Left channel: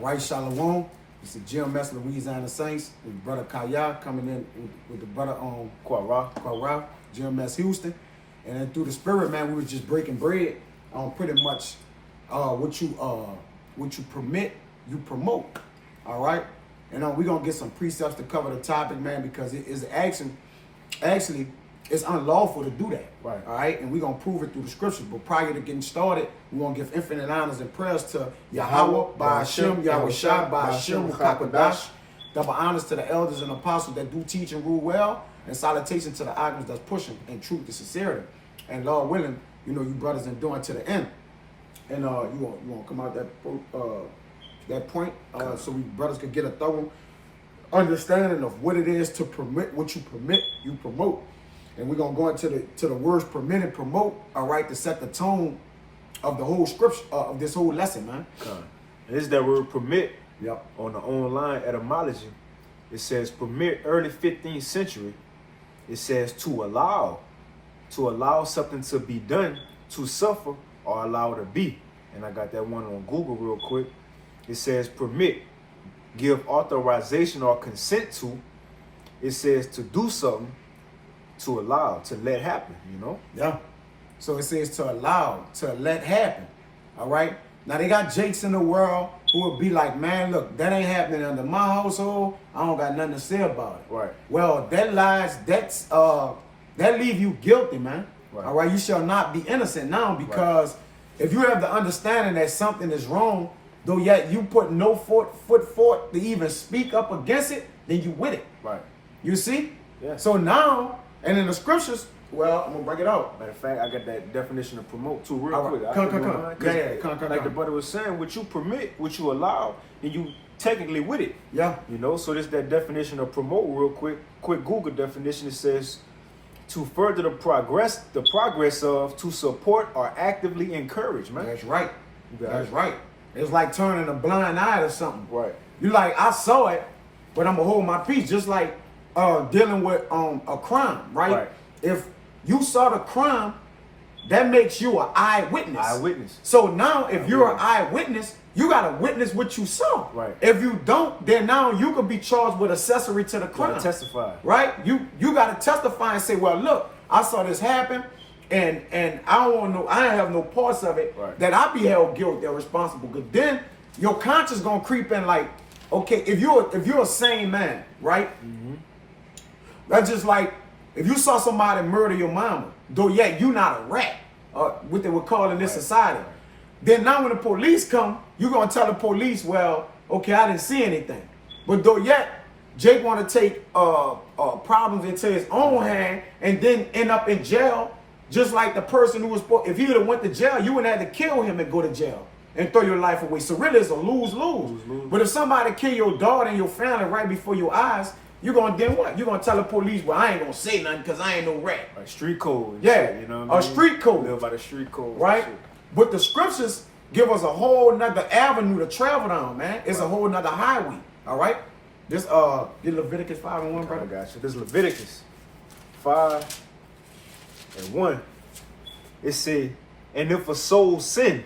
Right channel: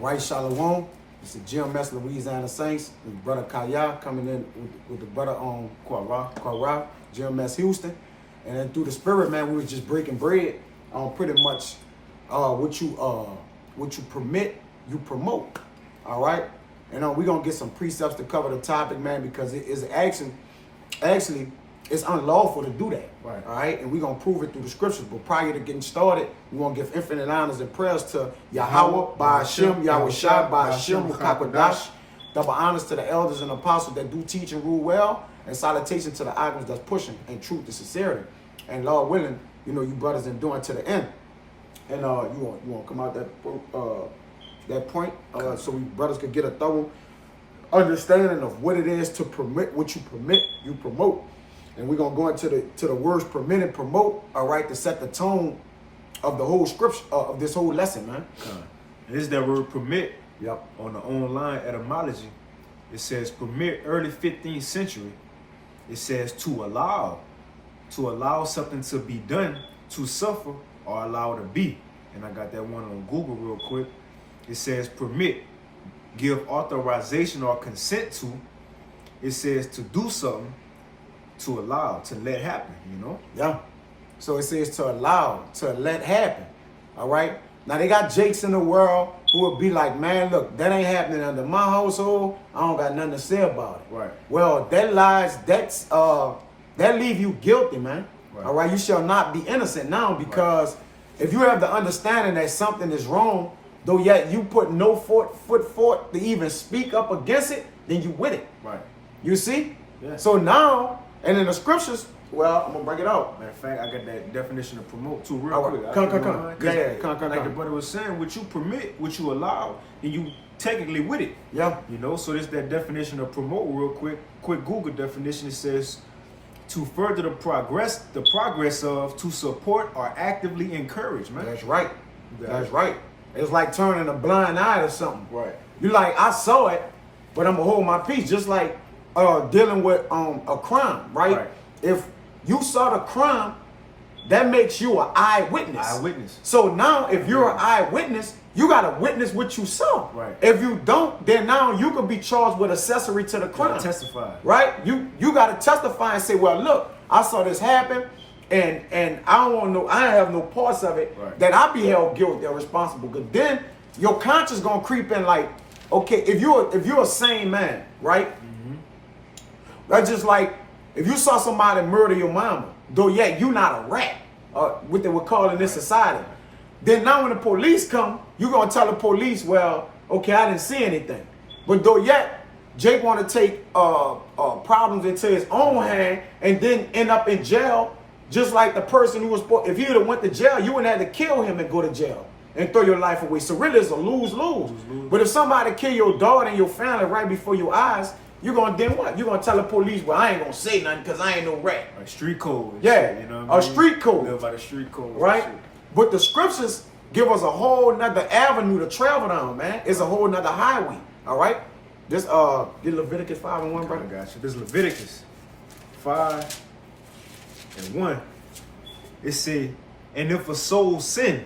All right, Shalom. It's the GMS Louisiana Saints. The brother Kaya coming in with the brother on Quara, GMS Houston. And then through the spirit, man, we was just breaking bread on pretty much what you permit, you promote. All right. And we're gonna get some precepts to cover the topic, man, because it is actually it's unlawful to do that. Right. All right. And we're gonna prove it through the scriptures. But prior to getting started, we want to give infinite honors and prayers to Yahweh, by Hashem, Yahweh Shai, by Hashem, Mukakwadash. Double honors to the elders and apostles that do teach and rule well. And salutation to the arguments that's pushing in truth and sincerity. And Lord willing, you brothers enduring to the end. And you want to come out that point so we brothers could get a thorough understanding of what it is to permit, what you permit, you promote. And we're gonna go into the words permit and promote, all right, to set the tone of the whole scripture of this whole lesson, man. And this is that word permit. Yep. On the online etymology, it says permit, early 15th century. It says to allow something to be done, to suffer, or allow to be. And I got that one on Google real quick. It says permit, give authorization or consent to. It says to do something, to allow, to let happen, Yeah. So it says to allow, to let happen. All right. Now they got jakes in the world who would be like, man, look, that ain't happening under my household. I don't got nothing to say about it. Right. Well, that leave you guilty, man. Right. All right. You shall not be innocent now, because if you have the understanding that something is wrong, though yet you put no foot forth to even speak up against it, then you with it. Right. You see? Yeah. So now, and in the scriptures, well, I'm gonna bring it out. Matter of fact, I got that definition to promote too real quick. Come. Like the brother was saying, what you permit, what you allow, then you technically with it. Yeah. So this that definition of promote real quick. Quick Google definition. It says to further the progress of, to support or actively encourage, man. That's right. That's right. It's like turning a blind eye to something. Right. You like, I saw it, but I'm gonna hold my peace. Just like dealing with a crime, right? If you saw the crime, that makes you an eyewitness. So now, if you're an eyewitness, you gotta witness what you saw. Right. If you don't, then now you could be charged with accessory to the crime. Testify. Right. You gotta testify and say, well, look, I saw this happen. And I have no parts of it, that I be held guilty or responsible. Because then your conscience gonna creep in like, okay, if you're a sane man, right? Mm-hmm. That's just like if you saw somebody murder your mama, though yet you not a rat, what they would call in this society. Then now when the police come, you gonna tell the police, well, okay, I didn't see anything. But though yet Jake wanna take problems into his own hand and then end up in jail. Just like the person who was, if he would have went to jail, you wouldn't have to kill him and go to jail and throw your life away. So really it's a lose-lose. But if somebody kill your daughter and your family right before your eyes, you're going to then what? You're going to tell the police, well, I ain't going to say nothing because I ain't no rat. Like street code. And yeah, shit, you know what I mean? Street code. Live by the street code. Right? But the scriptures give us a whole nother avenue to travel down, man. It's a whole nother highway. All right? This, Leviticus 5:1, brother. I got you. This Leviticus 5:1. It say, and if a soul sin,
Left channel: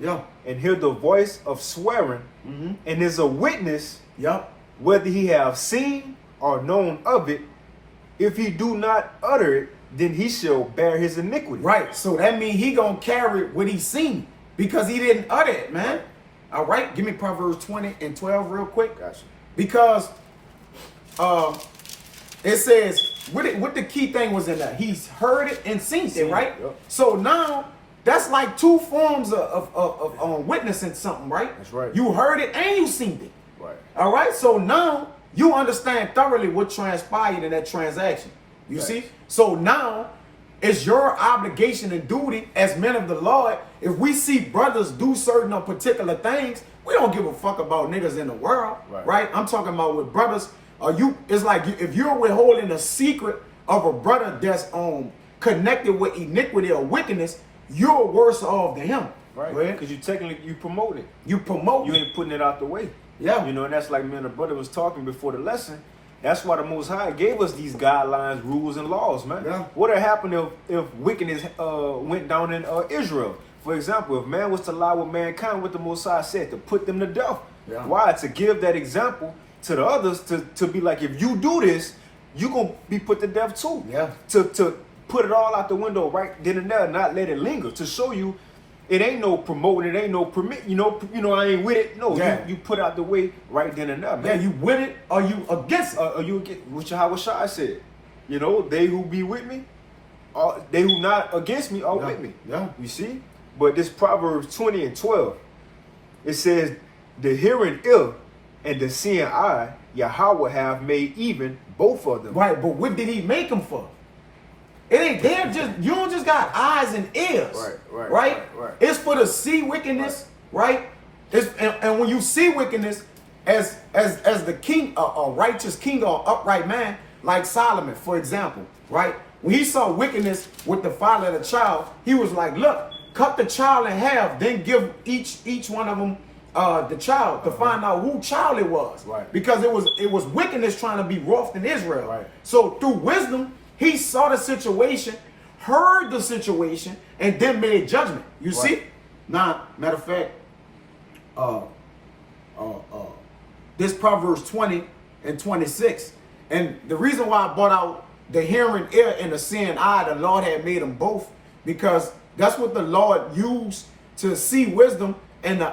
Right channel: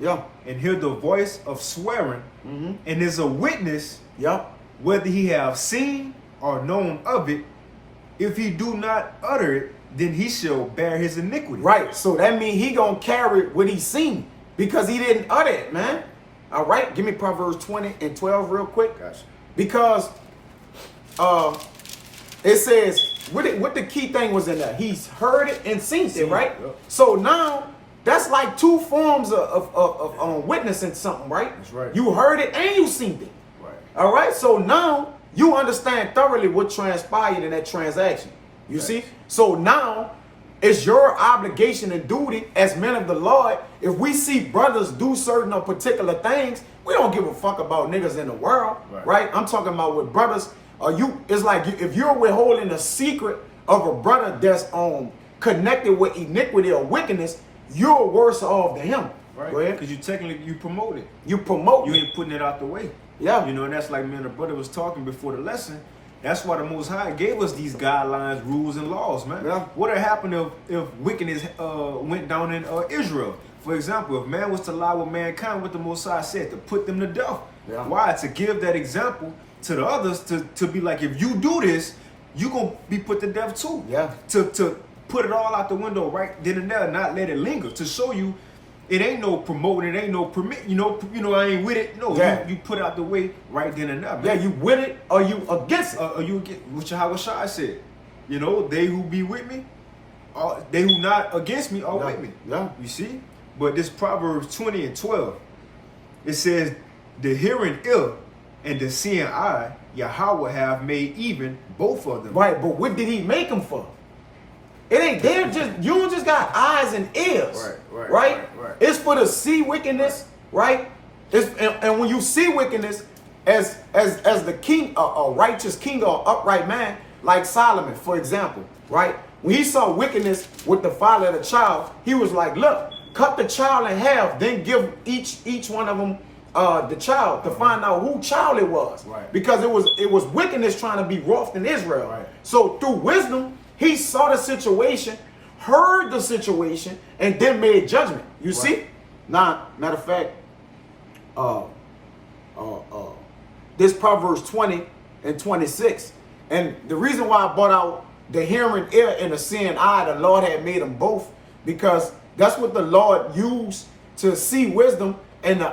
and hear the voice of swearing, and is a witness, whether he have seen or known of it, if he do not utter it, then he shall bear his iniquity. Right. So that means he gonna carry what he seen because he didn't utter it, man. Right. All right. Give me Proverbs 20:12 real quick. Gotcha. Because it says, what the key thing was in there? He's heard it and seen it, right? Yep. So now that's like two forms of witnessing something, right? That's right. You heard it and you seen it. Right. All right. So now you understand thoroughly what transpired in that transaction. You see? So now it's your obligation and duty as men of the Lord. If we see brothers do certain or particular things, we don't give a fuck about niggas in the world, right? I'm talking about with brothers. It's like if you're withholding a secret of a brother that's connected with iniquity or wickedness, you're worse off than him. Right. Because you promote it. You promote. You ain't putting it out the way. Yeah. And that's like me and the brother was talking before the lesson. That's why the Most High gave us these guidelines, rules, and laws, man. Yeah. What would happen if wickedness went down in Israel? For example, if man was to lie with mankind, what the Most High said, to put them to death. Yeah. Why? To give that example to the others, to be like, if you do this, you gonna be put to death too. Yeah. To put it all out the window right then and there, not let it linger. To show you, it ain't no promoting, it ain't no permit. You know, I ain't with it. No, Yeah. you put out the way right then and there, man. Yeah, you with it or you against it. Or you get, which how Shai said, you know, they who be with me, they who not against me are with me. Yeah. You see? But this Proverbs 20 and 12, it says, the hearing ear and the seeing eye, Yahweh have made even both of them. Right, but what did he make them for? It ain't they're just you don't just got eyes and ears. Right. It's for to see wickedness, right? It's and when you see wickedness as the king, a righteous king or upright man, like Solomon, for example, right? When he saw wickedness with the father of the child, he was like, look, cut the child in half, then give each one of them the child to find out who child it was. Right. Because it was wickedness trying to be wrought in Israel. Right. So through wisdom, he saw the situation, heard the situation, and then made judgment. You see? Now, matter of fact, this Proverbs 20 and 26. And the reason why I brought out the hearing ear and the seeing eye, the Lord had made them both, because that's what the Lord used to see wisdom and the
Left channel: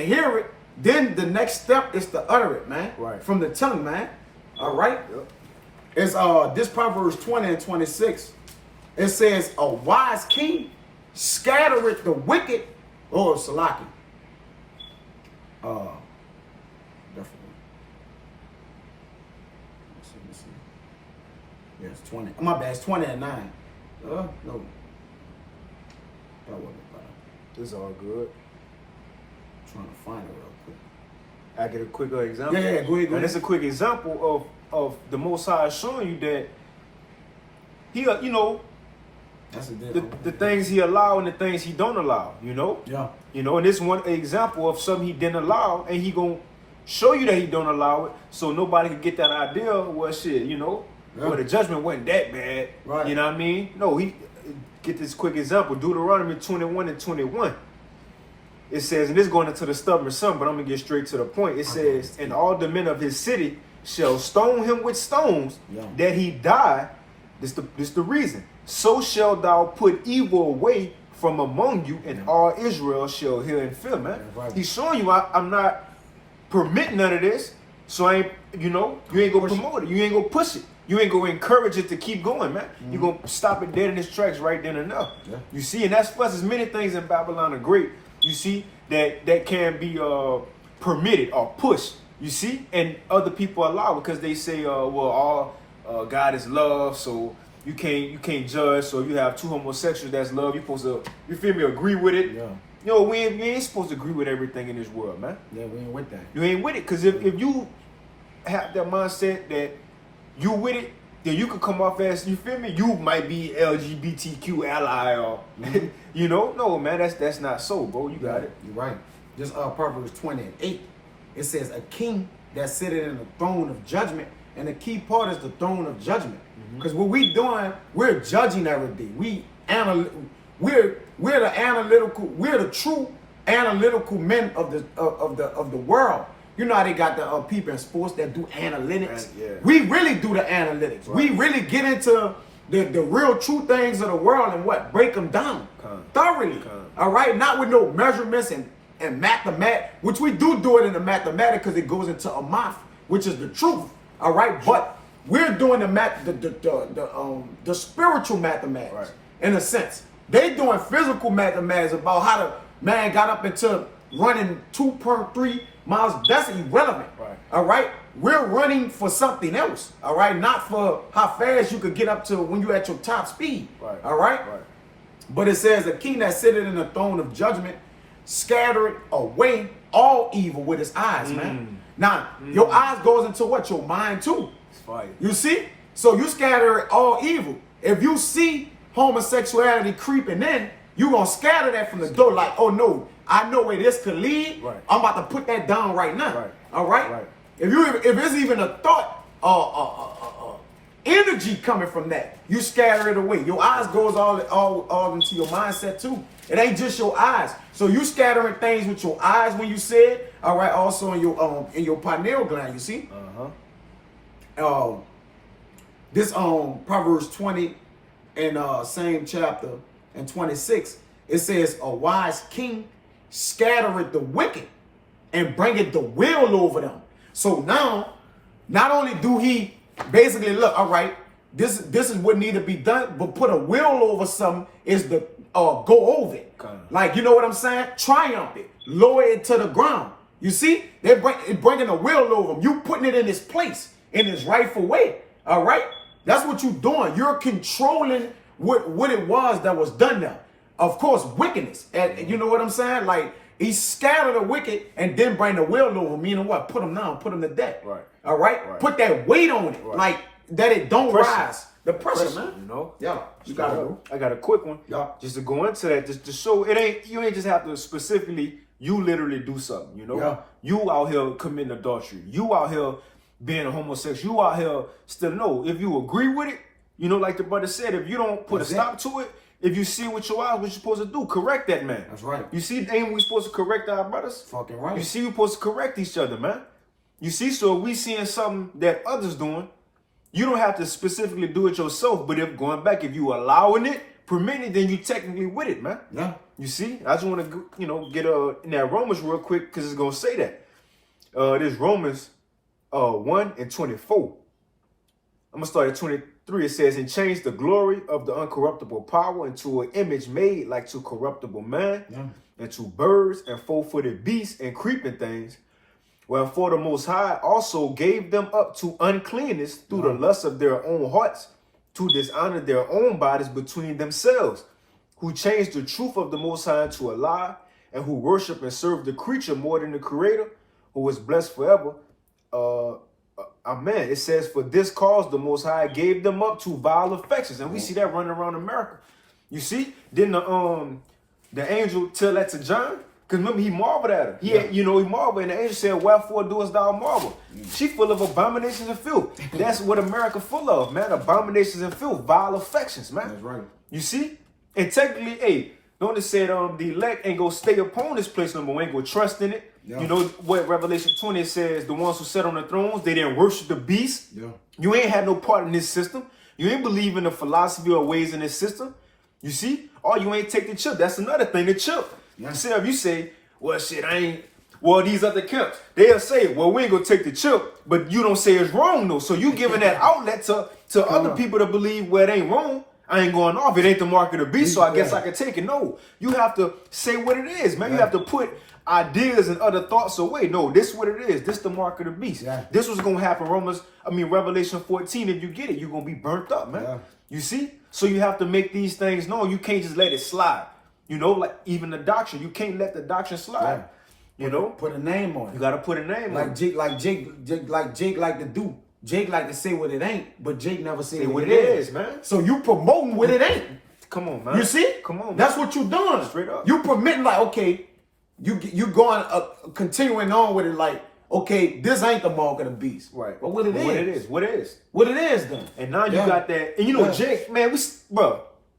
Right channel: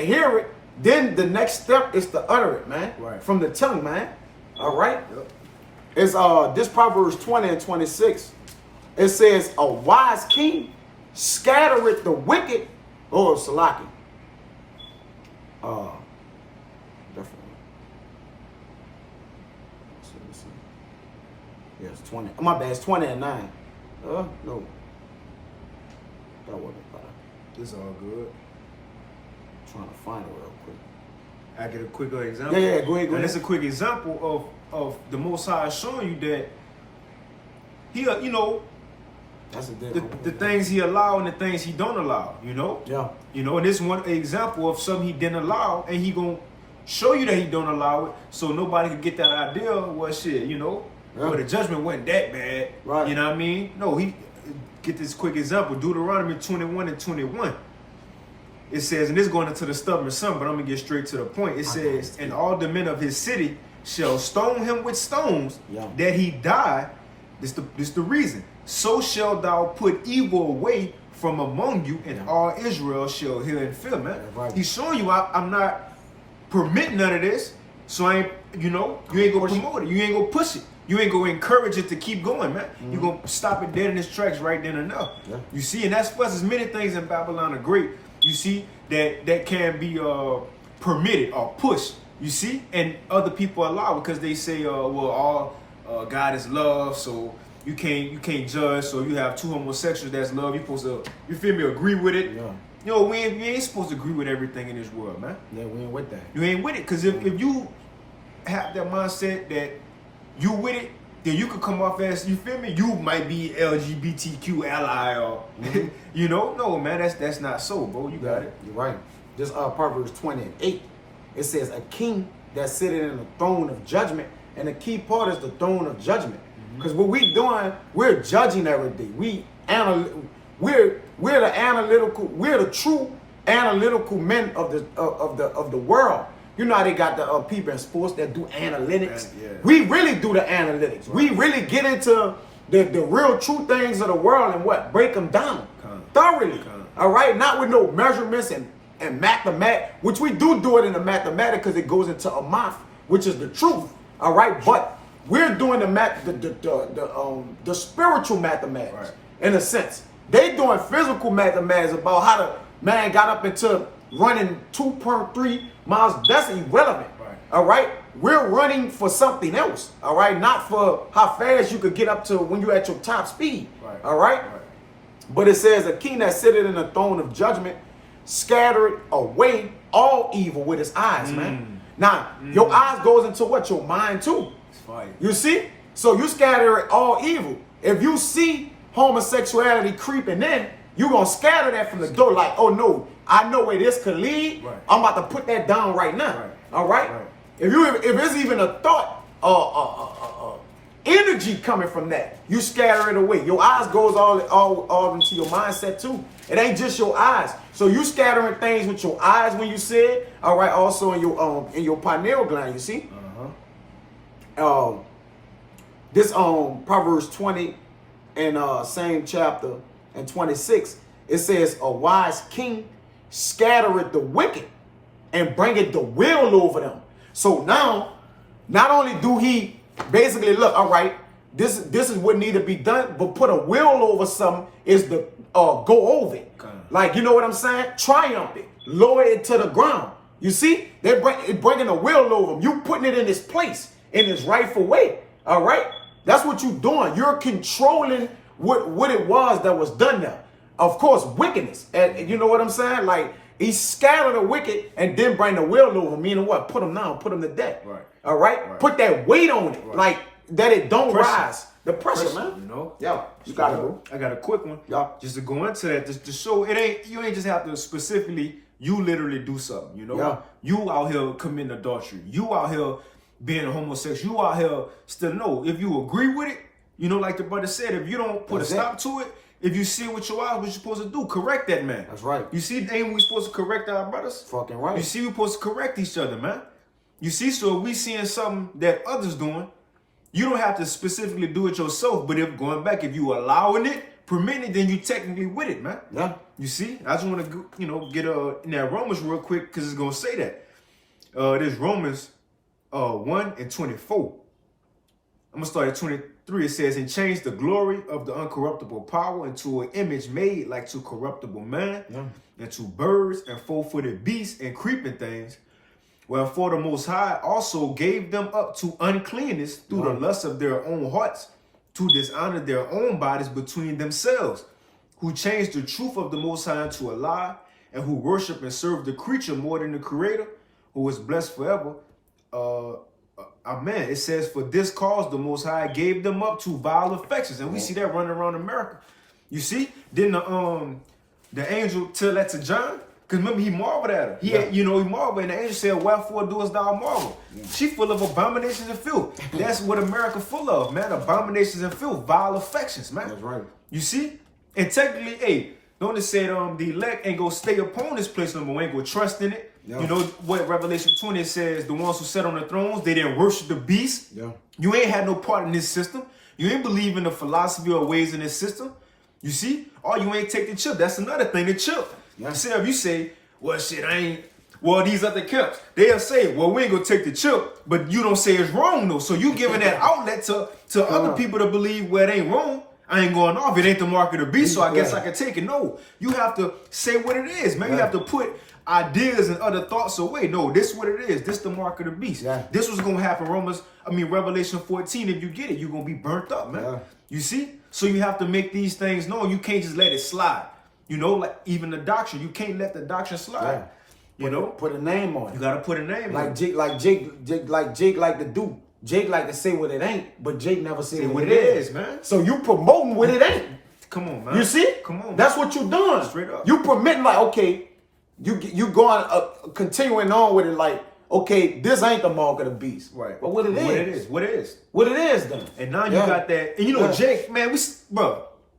hear it. Then the next step is to utter it, man. Right. From the tongue, man. All right. Yep. It's this Proverbs 20 and 26. It says, a wise king scattereth the wicked. Oh, Salaki. Definitely. Let's see. Yeah, it's 20. My bad, it's 20 and 9. No. That wasn't better. It's all good. I'm trying to find it real quick. I get a quick example. Yeah, go ahead. And it's a quick example of the Most High showing you that he, you know, That's a the things he allow and the things he don't allow, you know? Yeah. You know, and this one example of something he didn't allow, and he gonna show you that he don't allow it, so nobody could get that idea, well, shit, you know? Yeah. Well, the judgment wasn't that bad. Right. You know what I mean? No, he, get this quick example, Deuteronomy 21 and 21. It says, and this is going into the stubborn son, but I'm going to get straight to the point. It says, and all the men of his city shall stone him with stones, that he die. This the reason. So shall thou put evil away from among you, and all Israel shall hear and fear, man. Right. He's showing you, I'm not permitting none of this, so I ain't, you know, you ain't going to promote it. You ain't going to push it. You ain't going to encourage it to keep going, man. You're going to stop it dead in its tracks right then and there. Yeah. You see, and that's plus, there's many things in Babylon are great. You see, that can be permitted or pushed. You see, and other people allow because they say, well, all God is love, so you can't judge. So you have two homosexuals that's love. You're supposed to, you feel me, agree with it. Yeah. You know, we ain't supposed to agree with everything in this world, man. Yeah, we ain't with that. You ain't with it, because if you have that mindset that you with it, then you could come off as, you feel me, you might be LGBTQ ally or, you know, no, man, that's not so, bro. You got it. You're right. This Proverbs 20 and 8, it says, a king that sitteth in the throne of judgment, and the key part is the throne of judgment. Because what we doing, we're judging every day. We're the analytical, we're the true analytical men of the world. You know how they got the people in sports that do analytics. Yeah. We really do the analytics. Right. We really get into the real true things of the world and what break them down thoroughly. All right, not with no measurements and mathematics, which we do it in the mathematics because it goes into a math, which is the truth. All right, but we're doing the spiritual mathematics, right, in a sense. They doing physical mathematics about how the man got up into running 2.3 miles. That's irrelevant. Right. All right. We're running for something else. All right. Not for how fast you could get up to when you're at your top speed. Right. All right. Right. But it says a king that sitteth in the throne of judgment scattered away all evil with his eyes, man. Now, your eyes goes into what? Your mind too. It's fire. You see? So you scatter all evil. If you see homosexuality creeping in, you're going to scatter that from the door like, oh no, I know where this could lead. Right. I'm about to put that down right now. Right. All right? Right. If it's even a thought energy coming from that. You scatter it away. Your eyes goes all into your mindset too. It ain't just your eyes. So you scattering things with your eyes when you say it. All right. Also in your pineal gland. You see. This Proverbs 20 and same chapter and 26. It says a wise king scattereth the wicked and bringeth the will over them. So now, not only do he basically look, all right, this is what need to be done, but put a will over something is to go over it. Like, you know what I'm saying? Triumph it, lower it to the ground. You see, bringing a will over them. You putting it in its place, in its rightful way. All right, that's what you're doing. You're controlling what it was that was done there. Of course, wickedness, and you know what I'm saying? Like, he scattered the wicked and then bring the will over, meaning what? Put them down, put them to death. Right. All right? Put that weight on it, like that it don't rise. The pressure, man. You know? Yeah, you got to go. I got a quick one. Yeah. Just to go into that, just to show you ain't just have to specifically, you literally do something, you know? Yeah. You out here committing adultery. You out here being a homosexual. You out here still know. If you agree with it, you know, like the brother said, if you don't put a stop to it, if you see with your eyes what you're supposed to do, correct that man. That's right. You see, ain't we supposed to correct our brothers? Fucking right. You see, we supposed to correct each other, man. You see, so if we seeing something that others doing, you don't have to specifically do it yourself. But if going back, if you allowing it, permitting it, then you technically with it, man. Yeah. You see, I just want to, you know, get in that Romans real quick because it's gonna say that. This Romans 1 and 24. I'm gonna start at 23. It says, and change the glory of the uncorruptible power into an image made like to corruptible man, and to birds and four-footed beasts and creeping things. Wherefore the Most High also gave them up to uncleanness through the lust of their own hearts, to dishonor their own bodies between themselves, who changed the truth of the Most High into a lie, and who worship and serve the creature more than the Creator, who is blessed forever. Amen. It says, for this cause the Most High gave them up to vile affections. And we see that running around America. You see? Didn't the angel tell that to John? Because remember, he marveled at her. He marveled. And the angel said, wherefore doest thou marvel? She full of abominations and filth. That's what America full of, man. Abominations and filth. Vile affections, man. That's right. You see? And technically, hey, don't it say the elect ain't gonna stay upon this place no more, ain't gonna trust in it. Yeah. You know what Revelation 20 says, the ones who sat on the thrones, they didn't worship the beast. Yeah. You ain't had no part in this system. You ain't believe in the philosophy or ways in this system. You see? Or you ain't take the chip. That's another thing, the chip. Yeah. See, if you say, well, shit, these other camps, they'll say, well, we ain't gonna take the chip, but you don't say it's wrong though. So you giving that outlet to other people to believe, well, it ain't wrong. I ain't going off. It ain't the mark of the beast, so I guess I can take it. No, you have to say what it is, man. You have to put ideas and other thoughts away. No, this is what it is. This the mark of the beast. Yeah. This was going to happen. Revelation 14, if you get it, you're going to be burnt up, man. Yeah. You see? So you have to make these things known. You can't just let it slide. You know, like even the doctrine. You can't let the doctrine slide. Yeah. Put a name on it. You got to put a name on it. Jake like to do. Jake like to say what it ain't, but Jake never say what it is, man. So you promoting what it ain't. Come on, man. You see? Come on, man. That's what you doing. Straight up. You permitting like, okay, you going continuing on with it like, okay, this ain't the mark of the beast. Right. But what it is. What it is. What it is then. And now you got that. And you know, Jake, man,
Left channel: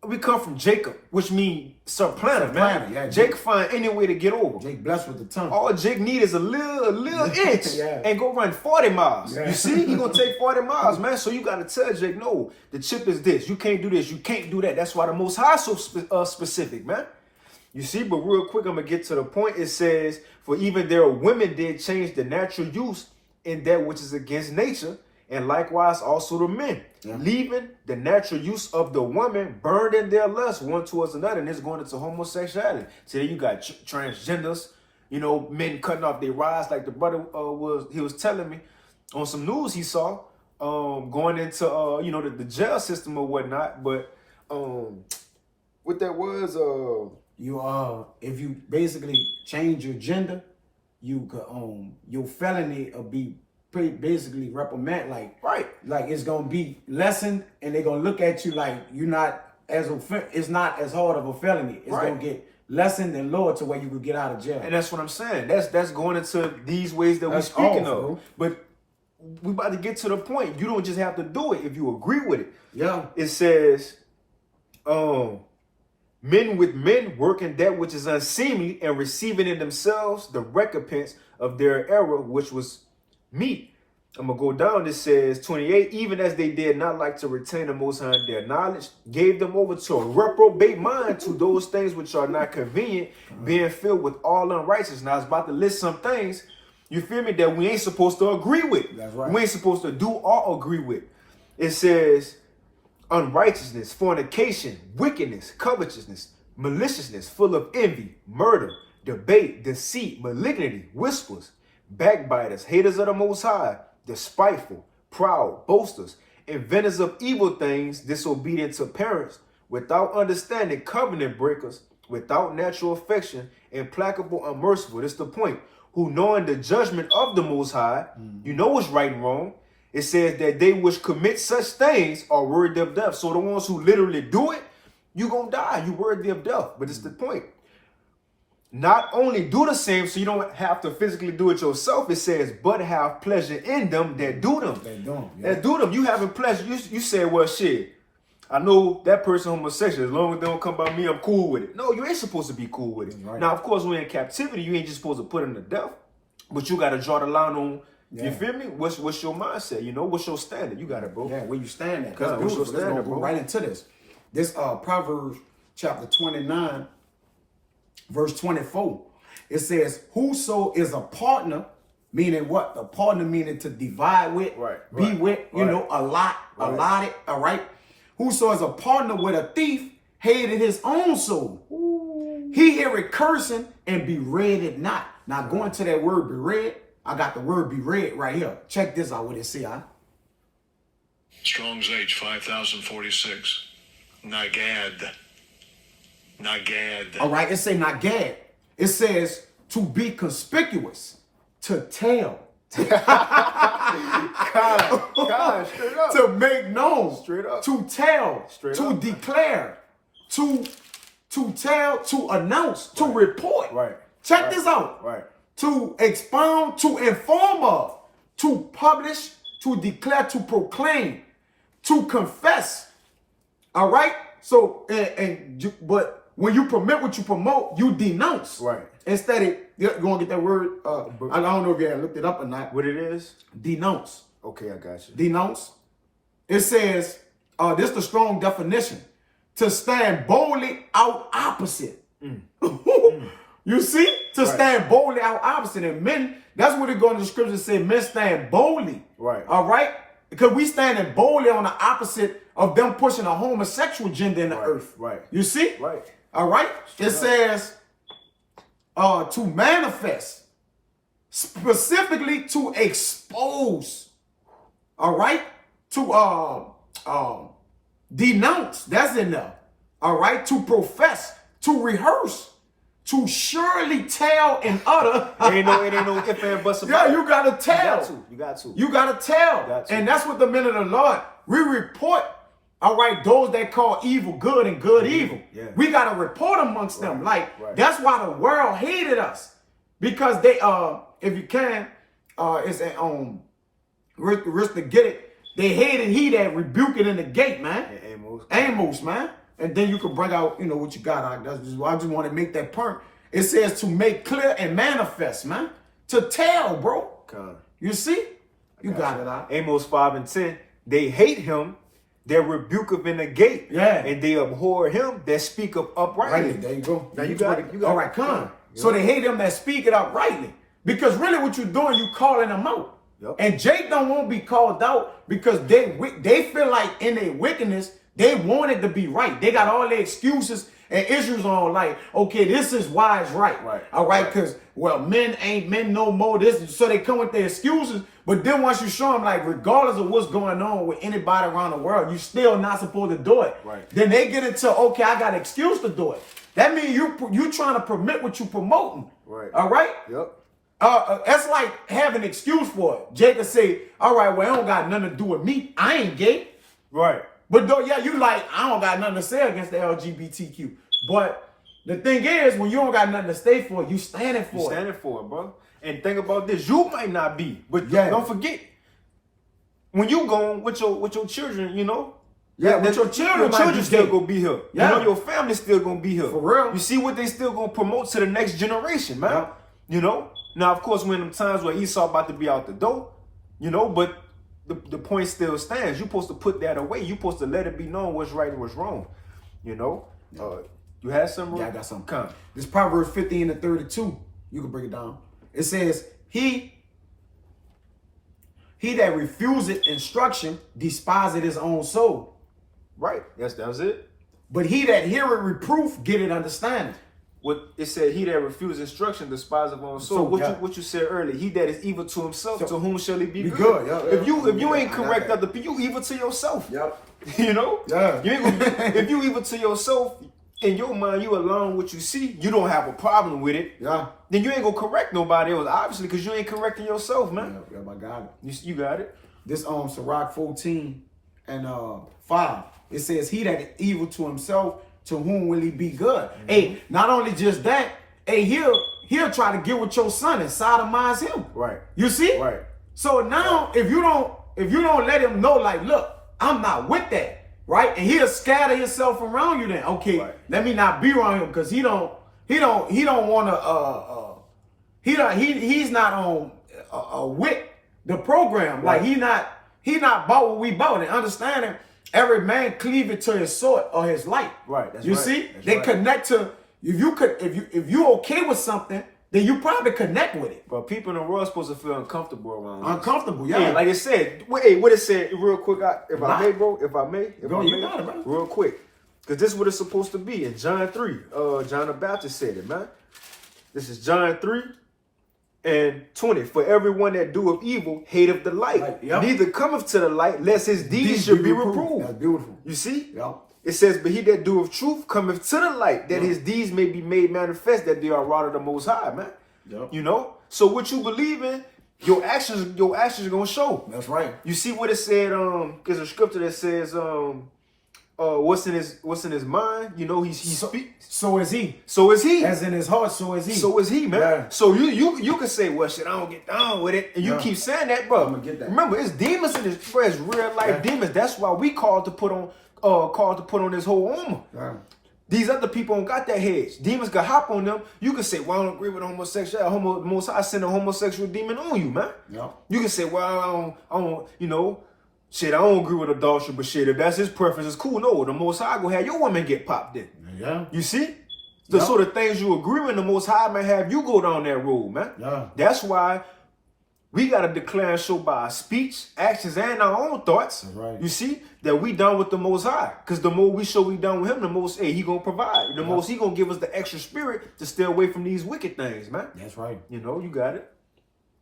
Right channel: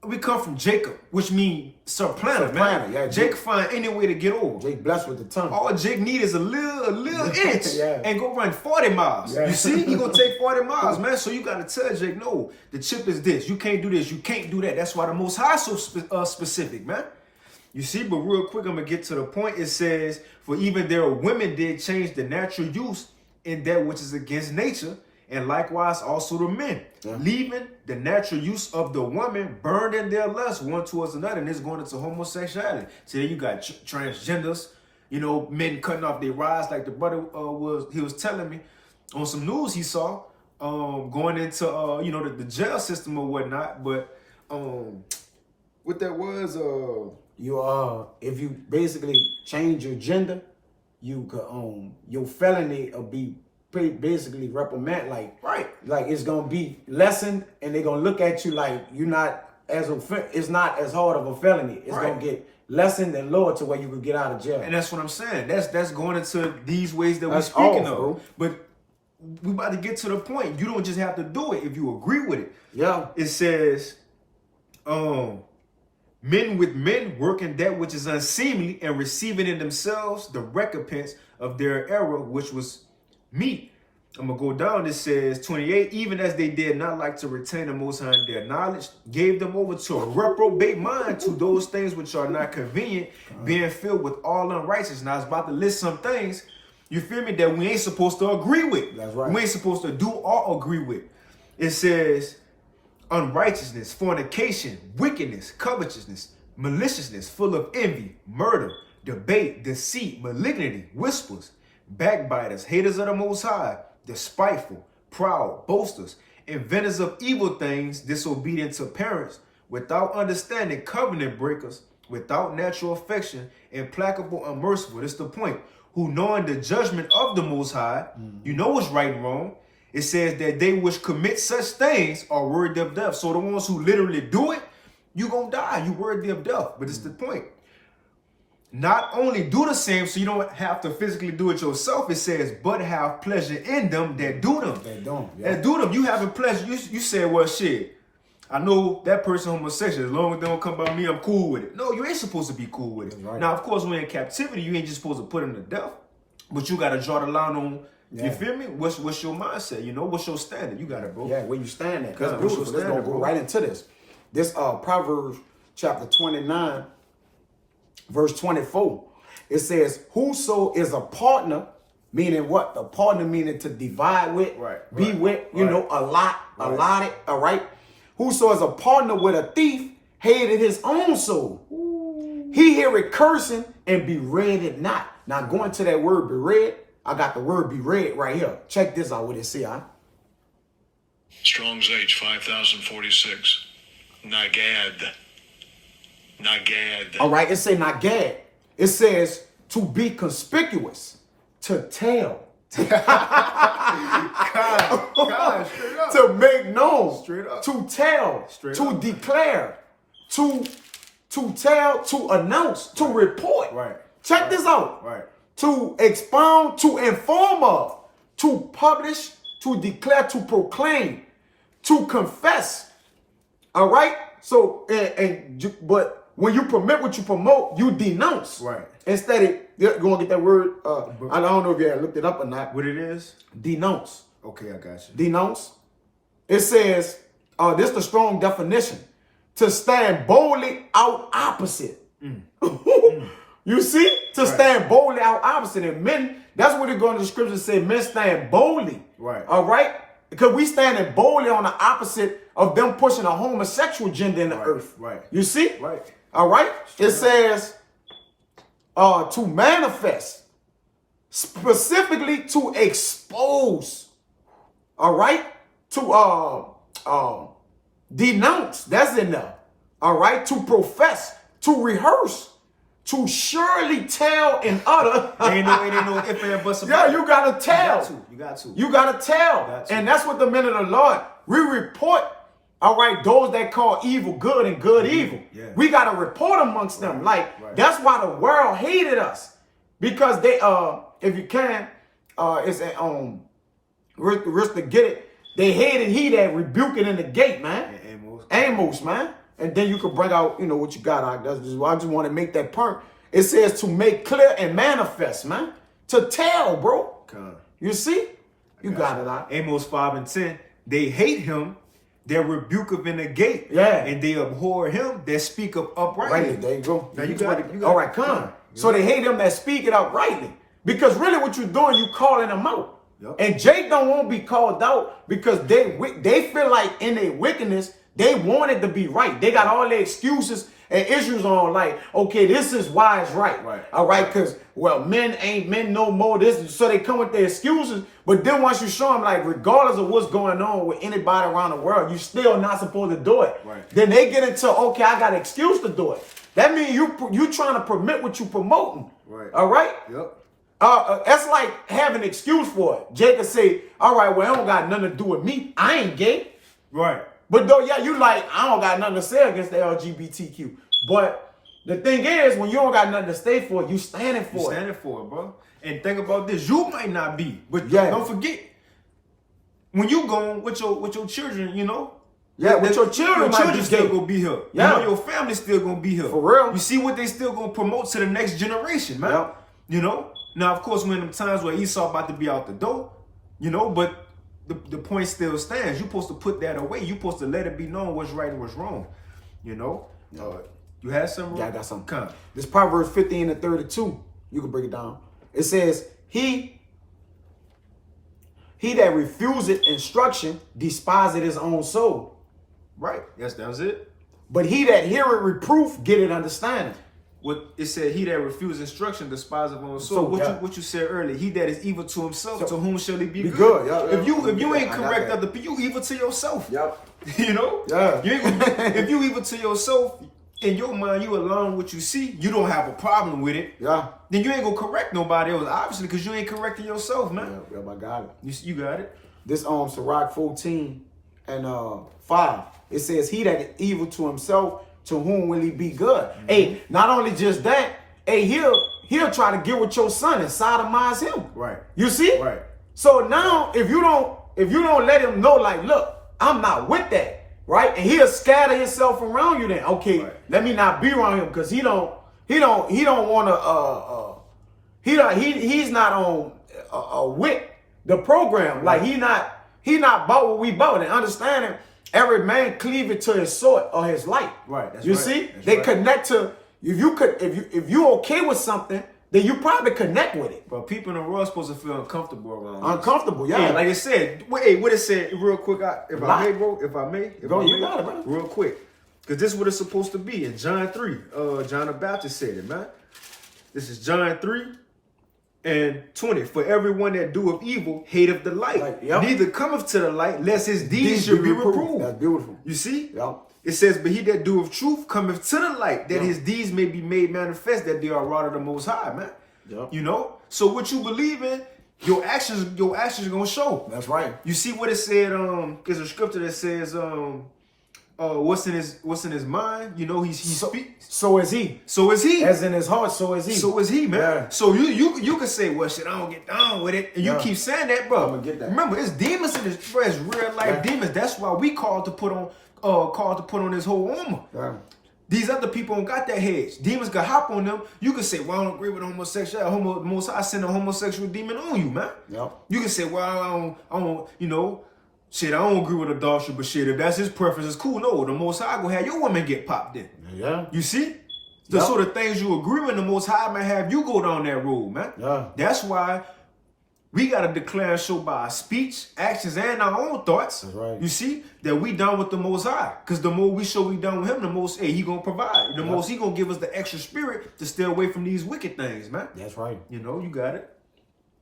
we come from Jacob, which means supplanter, man. Yeah, Jake find any way to get over. Jake blessed with the tongue. All Jake need is a little inch and go run 40 miles. Yeah. You see, he gonna take 40 miles, man. So you gotta tell Jake, no, the chip is this. You can't do this. You can't do that. That's why the Most High so specific, man. You see, but real quick, I'm gonna get to the point. It says, for even their women did change the natural use in that which is against nature, and likewise also the men, leaving the natural use of the woman burned in their lust one towards another, and it's going into homosexuality. So then you got transgenders, you know, men cutting off their rods, like the brother was telling me on some news he saw, going into the jail system or whatnot. But what that was, if you basically change your gender, you could your felony will be basically reprimand, like it's gonna be lessened, and they're gonna look at you like you're not it's not as hard of a felony. It's gonna get lessened and lowered to where you could get out of jail. And that's what I'm saying. That's going into these ways that we're speaking of. Bro. But we about to get to the point. You don't just have to do it if you agree with it. Yeah. It says, men with men working that which is unseemly and receiving in themselves the recompense of their error, which was meat. I'm going to go down. It says 28, even as they did not like to retain the Most High in their knowledge, gave them over to a reprobate mind to those things which are not convenient, being filled with all unrighteousness. Now I was about to list some things, you feel me, that we ain't supposed to agree with. That's right. We ain't supposed to do or agree with. It says unrighteousness, fornication, wickedness, covetousness, maliciousness, full of envy, murder, debate, deceit, malignity, whispers, backbiters, haters of the Most High, despiteful, proud, boasters, inventors of evil things, disobedient to parents, without understanding, covenant breakers, without natural affection, implacable, unmerciful. That's the point. Who knowing the judgment of the Most High, you know what's right and wrong. It says that they which commit such things are worthy of death. So the ones who literally do it, you gonna die. You worthy of death. But it's the point. Not only do the same, so you don't have to physically do it yourself. It says, but have pleasure in them that do them. They don't. Yeah. That do them. You having pleasure. You say, well, shit, I know that person homosexual. As long as they don't come by me, I'm cool with it. No, you ain't supposed to be cool with it. Right. Now, of course, when in captivity, you ain't just supposed to put them to death. But you got to draw the line on, you feel me? What's your mindset? You know, what's your standard? You got it, bro. Yeah, where you stand at. God, That's what's your beautiful. Let's standard, go bro? right into this. This Proverbs chapter 29, verse 24. It says, whoso is a partner, meaning what? A partner meaning to divide with, be with, you know, allotted, all right? Whoso is a partner with a thief, hated his own soul. Ooh. He hear it cursing and be read it not. Now going to that word be read, I got the word be read right here. Check this out what it say, huh? Strong's H 5046. Nagad. All right, it say nagad. It says to be conspicuous, to tell. God, straight up. To make known. Straight up. To tell. Straight to up. declare. To tell, to announce, to report. Right. Check this out. Right. To expound, to inform of, to publish, to declare, to proclaim, to confess. All right? So, but when you permit what you promote, you denounce. Right. Instead of, you're going to get that word, I don't know if you had looked it up or not. What it is? Denounce. Okay, I got you. Denounce. It says, this is the strong definition. To stand boldly out opposite. You see? To stand boldly out opposite. And men, that's what it goes in the scripture say, men stand boldly. Right. All right? Because we standing boldly on the opposite of them pushing a homosexual agenda in the earth. Right. You see? Right. All right? It says to manifest, specifically to expose. All right? To denounce. That's enough. All right? To profess, to rehearse, to surely tell and utter. ain't no if and buts Yeah, about it. you gotta tell. You got to. You gotta tell. Got to. And that's what the men of the Lord, we report, all right, those that call evil good and good evil. Yeah. We gotta report amongst them. Like, that's why the world hated us. Because they, if you can, it's at risk to get it. They hated he that rebuked it in the gate, man. Yeah, Amos, man. And then you can bring out, you know, what you got. I just want to make that point. It says to make clear and manifest, man. To tell, bro. You see? You got it out. Amos 5 and 10. They hate him that rebuketh in the gate. Yeah. And they abhor him that speaketh uprightly. Right, there you go. Now you got it. All right, come. So they hate him that speak it uprightly. Because really what you're doing, you calling them out. Yep. And Jake don't want to be called out because they feel like in their wickedness, they want it to be right. They got all their excuses and issues on like, okay, this is why it's right. All right, because, well, men ain't men no more. This, so they come with their excuses. But then once you show them, like, regardless of what's going on with anybody around the world, you're still not supposed to do it. Then they get into, okay, I got an excuse to do it. That means you trying to permit what you promoting. All right? Yep. That's like having an excuse for it. Jacob say, all right, well, it don't got nothing to do with me. I ain't gay. Right. But though, yeah, you like, I don't got nothing to say against the LGBTQ. But the thing is, when you don't got nothing to stay for, you standing for it. You standing for it, bro. And think about this. You might not be, but Yeah. don't forget, when you gone with your children, you know. Yeah, with your children might be still gay. gonna be here. Yeah. You know, your family still gonna be here. For real. You see what they still gonna promote to the next generation, man. Yep. You know? Now, of course, when them times where Esau about to be out the door, you know, but the point still stands. You're supposed to put that away. You're supposed to let it be known what's right and what's wrong. You know? You had some? Yeah, I got something. Come. This Proverbs 15:32. You can break it down. It says, He that refuseth instruction despiseth his own soul. Right. Yes, that was it. But he that heareth reproof getteth understanding. What it said, he that refused instruction despiseth his own soul. So, What yeah. what you said earlier, he that is evil to himself, So, to whom shall he be be good? good, yeah, If you yeah, ain't I got correct that. other people, you evil to yourself. Yep. You know? Yeah. You ain't gonna if you evil to yourself, in your mind, you alone what you see, you don't have a problem with it. Yeah. Then you ain't gonna correct nobody else, obviously, because you ain't correcting yourself, man. Yeah, I got it. You got it. This Sirach 14 and 5. It says, He that is evil to himself, to whom will he be good? Hey, not only just that, hey, he'll try to get with your son and sodomize him. Right. You see? Right. So now if you don't let him know, like, look, I'm not with that, right? And he'll scatter himself around you then. Okay, Right. let me not be around him because he don't wanna he's not on with the program. Like he not bought what we bought. And understanding every man cleaveth to his sword or his light. Right, that's you right, see? that's They right. connect to if you okay with something, then you probably connect with it. But people in the world supposed to feel uncomfortable around us. Uncomfortable, yeah. Yeah, like it said. Hey, what it said, real quick, if I Lot. may, bro, if I may, Go, you got it, brother. real quick, because this is what it's supposed to be in John 3. John the Baptist said it, man. This is John 3:20. For everyone that doeth evil hateth the light, Light, yep. neither cometh to the light, lest his deeds should be reproved. That's beautiful. You see? Yep. It says, but he that doeth truth cometh to the light, that his deeds may be made manifest, that they are wrought of the Most High, man. Yep. You know? So what you believe in, your actions are gonna show. That's right. You see what it said, there's a scripture that says, what's in his mind, you know, he speaks. So is he. So is he. As in his heart, so is he. So is he, man. Yeah. So you can say, well, shit, I don't get down with it, and you Yeah. keep saying that, bro. I'ma get that. Remember, it's demons in this, bro. It's real life Yeah. demons. That's why we called to put on this whole armor. Yeah. These other people don't got that hedge. Demons can hop on them. You can say, well, I don't agree with homosexuality. Most I send a homosexual demon on you, man. Yep. You can say, well, I don't, you know, shit, I don't agree with adultery, but shit, if that's his preference, it's cool. No, the Most High gonna have your woman get popped in. Yeah. You see? The Yep. sort of things you agree with, the Most High may have you go down that road, man. Yeah. That's why we got to declare and show by our speech, actions, and our own thoughts. That's right. You see that we done with the Most High. Because the more we show we done with him, the most, he going to provide. The most he going to give us the extra spirit to stay away from these wicked things, man. That's right. You know, you got it.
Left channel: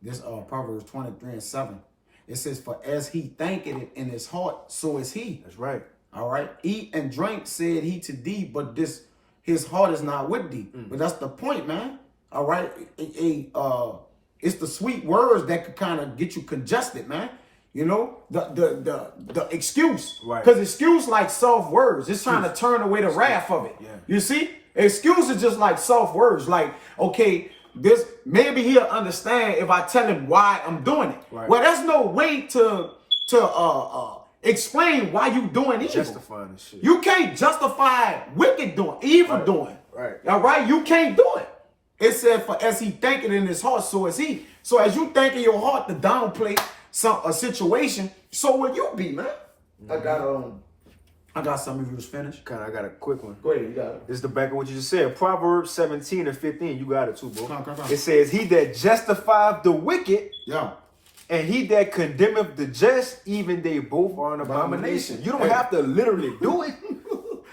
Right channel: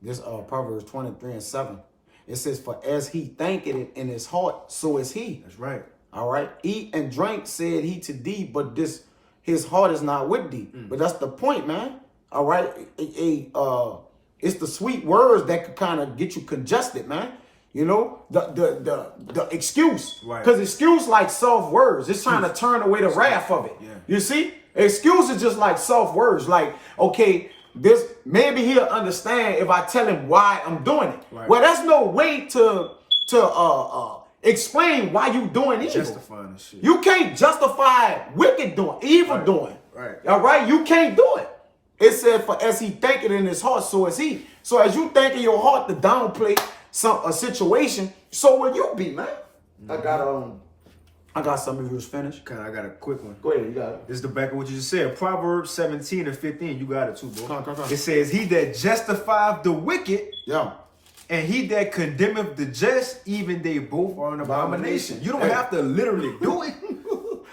This Proverbs 23:7. It says, for as he thinketh it in his heart, so is he. That's right. All right. Eat and drink, said he to thee, but his heart is not with thee. But that's the point, man. All right. It's the sweet words that could kind of get you congested, man. You know, the excuse. Right. Because excuse like soft words. It's trying to turn away the wrath of it. Yeah. You see? Excuse is just like soft words. Like, okay, maybe he'll understand if I tell him why I'm doing it. Right. Well, there's no way to explain why you doing evil. Justifying the shit. You can't justify wicked doing, evil doing. Right. All right? You can't do it. It said, for as he thinketh in his heart, so is he. So as you think in your heart to downplay a situation, so will you be, man. I got some of yours finished. I got a quick one. Go ahead, you got it. This is the back of what you just said. Proverbs 17:15. You got it too, bro. Come on. It says, he that justifieth the wicked Yeah. and he that condemneth the just, even they both are an abomination. You don't have to literally do it,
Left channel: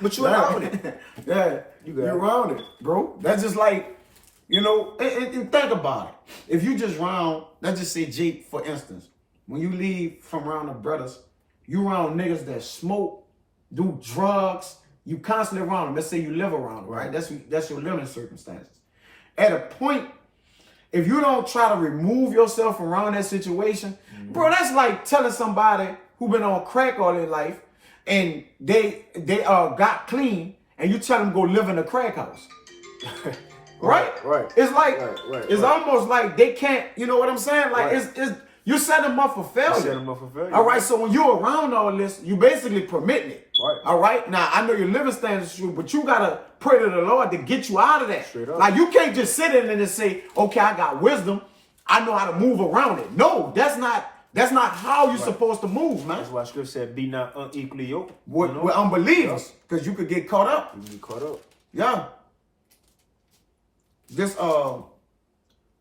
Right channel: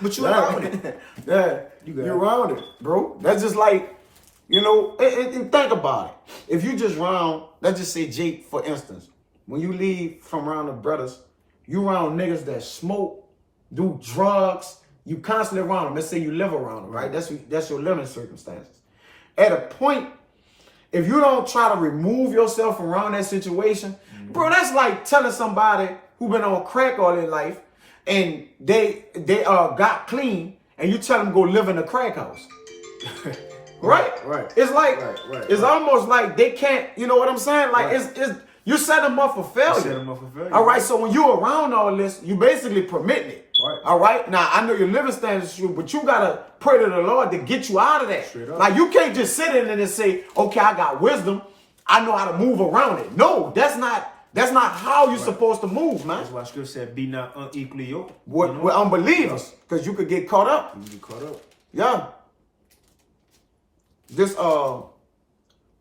but you're around it. Yeah, You got you're it. around it, bro. That's just like, you know, and think about it. If you just round, let's just say Jake, for instance, when you leave from around the brothers, you around niggas that smoke, do drugs, you constantly around them. Let's say you live around them, right? That's your living circumstances. At a point, if you don't try to remove yourself from around that situation, bro, that's like telling somebody who been on crack all their life and they got clean and you tell them go live in a crack house. Right? Right. It's like, Right. it's almost like they can't, you know what I'm saying? Like Right. it's You set them up for failure. set them up for failure. All right, so when you're around all this, you basically permitting it. Right. All right. Now I know your living standards is true, but you gotta pray to the Lord to get you out of that. Straight up. Like you can't just sit in it and say, okay, I got wisdom. I know how to move around it. No, that's not how you're supposed to move, man. That's why Scripture said, "Be not unequally yoked." With unbelievers, because you could get caught up. You can get caught up. Yeah. This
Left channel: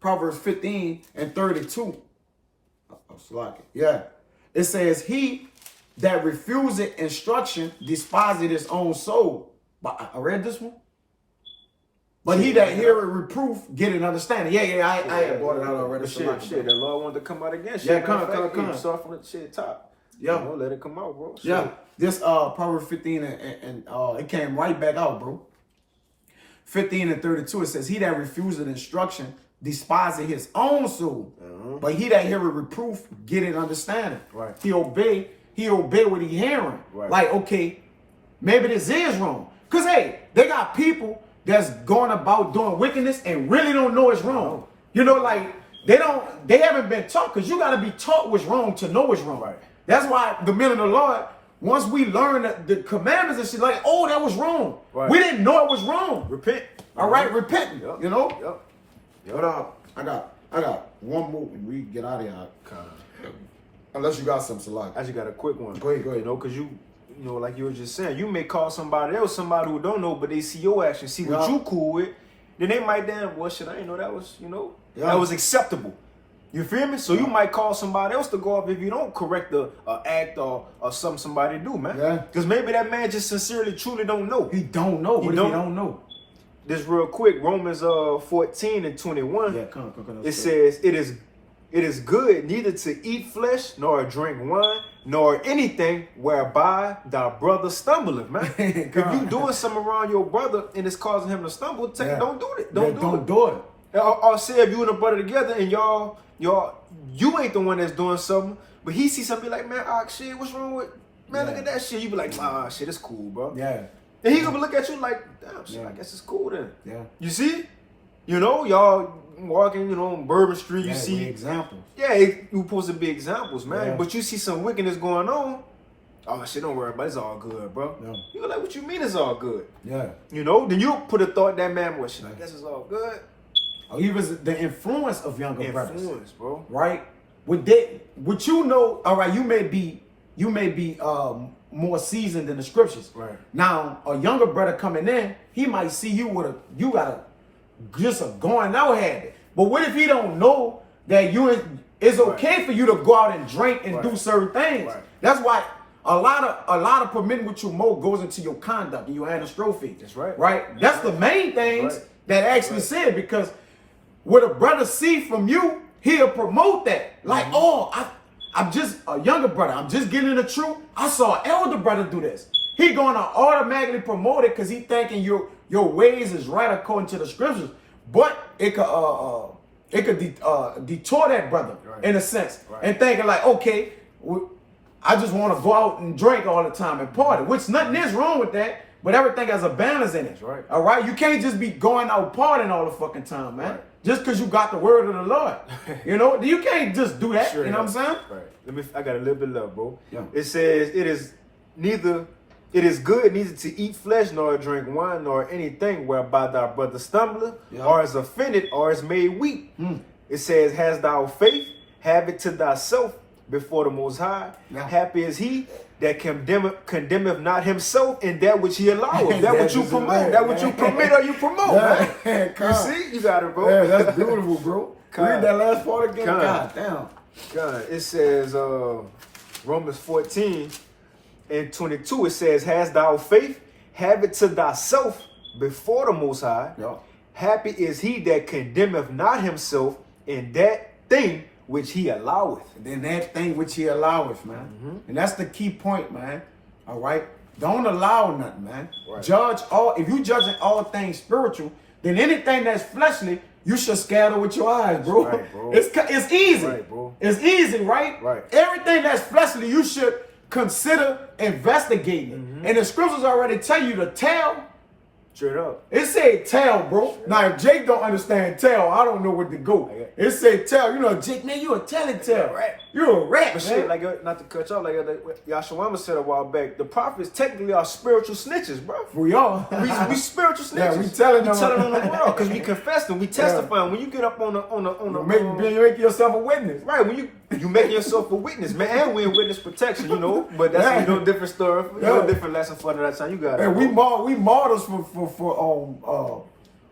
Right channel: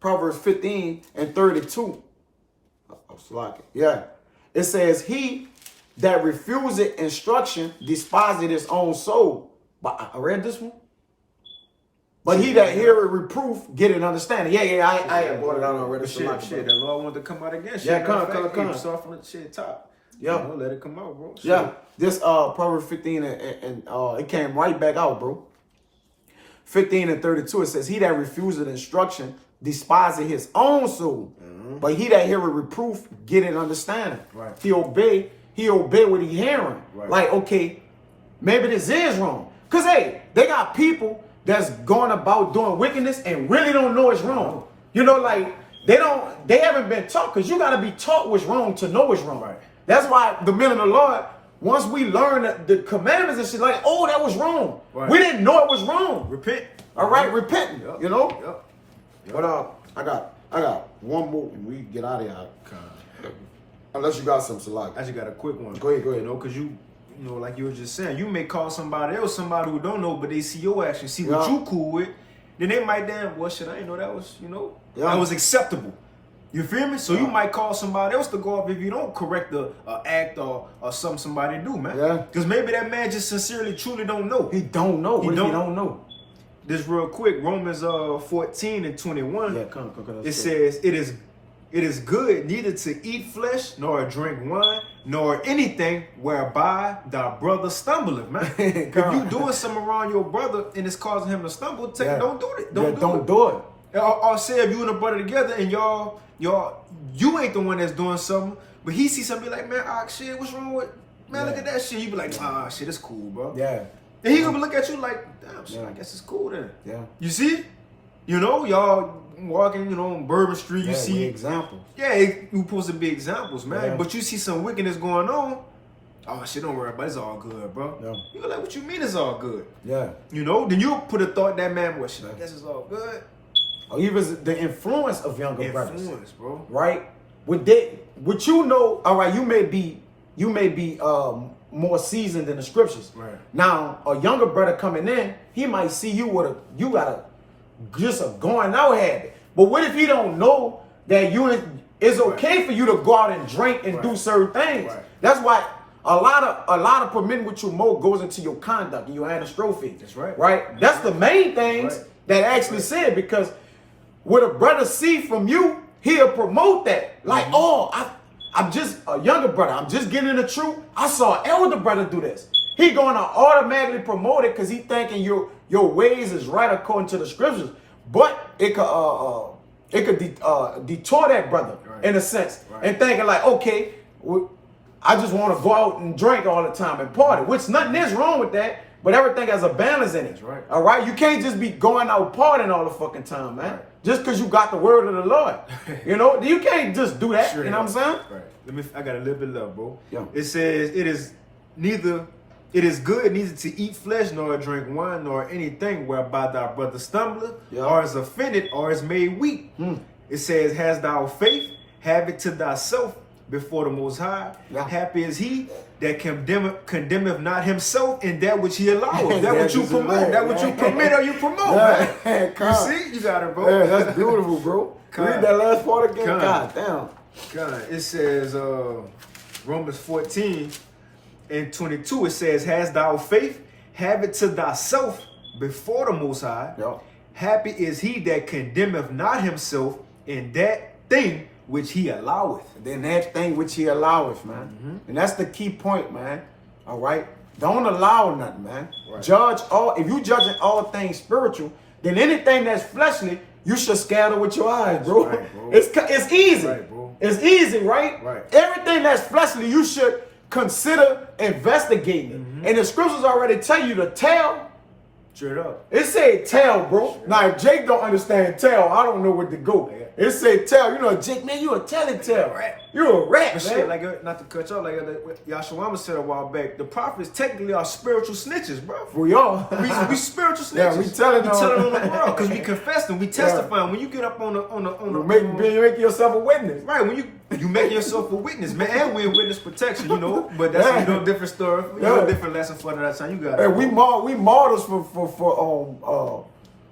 Proverbs 15:32. Yeah. It says, he that refuseth instruction despiseth his own soul. But I read this one. But he that heareth reproof get an understanding. Yeah, I had brought it out already. Shit, the Lord wanted to come out again. Shit, Yeah, come. Soft on the shit top. Yeah. You know, let it come out, bro. Shit. Yeah. This Proverbs 15 and it came right back out, bro. 15:32, it says, he that refuseth instruction despiseth his own soul. But he that heareth reproof get an understanding. Right. He obey what he hearing. Right. Like, okay, maybe this is wrong. Because, hey, they got people that's going about doing wickedness and really don't know it's wrong. You know, like, they haven't been taught, because you got to be taught what's wrong to know what's wrong. Right. That's why the men of the Lord, once we learn the commandments and shit, like, oh, that was wrong. Right. We didn't know it was wrong. Repent. All right, repenting. Yep. You know? Yep. But I got one more and we get out of here. Unless you got some select. I just got a quick one. Go ahead. You know, because you know, like you were just saying, you may call somebody else somebody who don't know, but they see your action, see what you cool with, then they might damn, well, shit, I didn't know that was, that was acceptable. You feel me? So you might call somebody else to go off if you don't correct the act or something somebody do, man. Yeah. Because maybe that man just sincerely, truly don't know. He don't know. What if he don't know? This real quick, Romans 14:21. Yeah, come. It says, it is good neither to eat flesh, nor drink wine, nor anything whereby thy brother stumbleth, man. If you doing something around your brother and it's causing him to stumble, don't do it. Don't do it. Or say if you and a brother together and you ain't the one that's doing something, but he sees something, be like, man, shit, what's wrong with, man, look at that shit. You be like, shit, it's cool, bro. Yeah. And he gonna look at you like, damn, shit, I guess it's cool then. Yeah. You see? Y'all walking, on Bourbon Street, you see examples. Yeah, you supposed to be examples, man. Yeah. But you see some wickedness going on. Oh shit, don't worry about it. It's all good, bro. Yeah. You go like, what you mean it's all good? Yeah. Then you put a thought that man, well, shit, I guess it's all good. Or even the influence of younger brothers. Influence, bro. Right? What you know, all right, you may be more seasoned in the scriptures. Right. Now, a younger brother coming in, he might see you with you got just a going out habit. But what if he don't know that it's okay for you to go out and drink and do certain things? Right. That's why a lot of permitting what you more goes into your conduct and your anastrophe. That's right. Right? That's the main things that actually said, because what a brother see from you, he'll promote that. Like, I'm just a younger brother. I'm just getting the truth. I saw an elder brother do this. He gonna automatically promote it because he thinking your ways is right according to the scriptures. But it could detour that brother in a sense, and thinking like, okay, I just want to go out and drink all the time and party, which nothing is wrong with that. But everything has a balance in it. That's right. All right? You can't just be going out partying all the fucking time, man. Right. Just because you got the word of the Lord. You can't just do that. Sure, you know what I'm saying? Right. I got a little bit left, bro. Yeah. It says, it is good neither to eat flesh, nor drink wine, nor anything whereby thy brother stumbleth, or is offended, or is made weak. It says, has thou faith, have it to thyself before the Most High. Yeah. Happy is he that condemneth not himself in that which he alloweth. That what you promote. That what you permit or you promote, man. You see? You got it, bro. Yeah, that's beautiful, bro. Read that last part again. God damn. It says, Romans 14:22, it says, has thou faith, have it to thyself before the Most High. Yep. Happy is he that condemneth not himself in that thing which he alloweth. And then that thing which he alloweth, man. And that's the key point, man. All right? Don't allow nothing, man. Right. If you judging all things spiritual, then anything that's fleshly, you should scatter with your eyes, bro. Right, bro. It's easy. Right, bro. It's easy, right? Right. Everything that's fleshly, you should consider investigating. And the scriptures already tell you to tell Straight up. It said tell, bro. Now, if Jake don't understand tell, I don't know where to go. It said tell. You know, Jake, man, you a telling tell. You a rat, But man. shit, like, not to cut you off, like Yashawama said a while back, the prophets technically are spiritual snitches, bro. We are. We spiritual snitches. Yeah, we telling on the world because we confess them, we testify. When you get up on You make yourself a witness. right, when you make yourself a witness, man, and we in witness protection, you know. But that's different story, different lesson for that time. You got it. And we models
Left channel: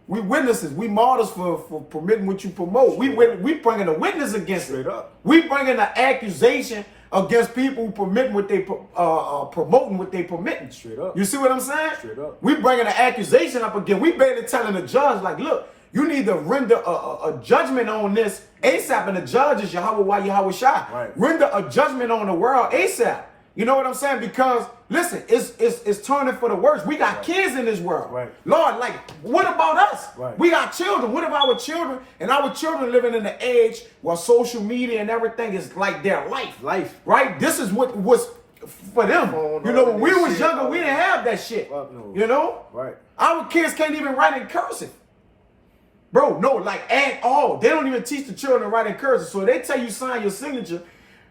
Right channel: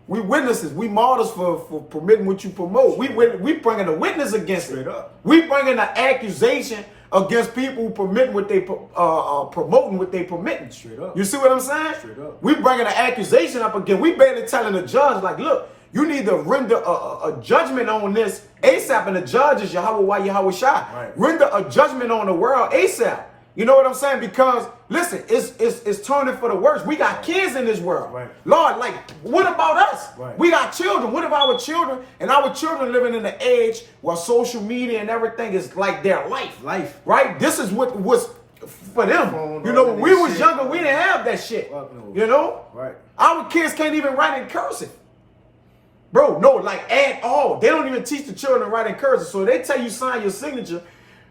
we witnesses. We models for permitting what you promote. We bringing a witness against Straight it. up. We bringing an accusation against people who permitting what they promoting what they permitting. Straight up. You see what I'm saying? Straight up. We bringing an accusation up again. We barely telling the judge like, look, you need to render a judgment on this ASAP, and the judge is Yahweh Shai. Right. Render a judgment on the world ASAP. You know what I'm saying? Because listen, it's turning for the worse. We got kids in this world. Right. Lord, like, what about us? Right. We got children. What about our children? And our children living in the age where social media and everything is like their life. Right? This is what was for them. You know, when we was younger, we didn't have that shit. You know? Right. Our kids can't even write in cursive. Bro, no, like at all. They don't even teach the children to write in cursive. So they tell you sign your signature.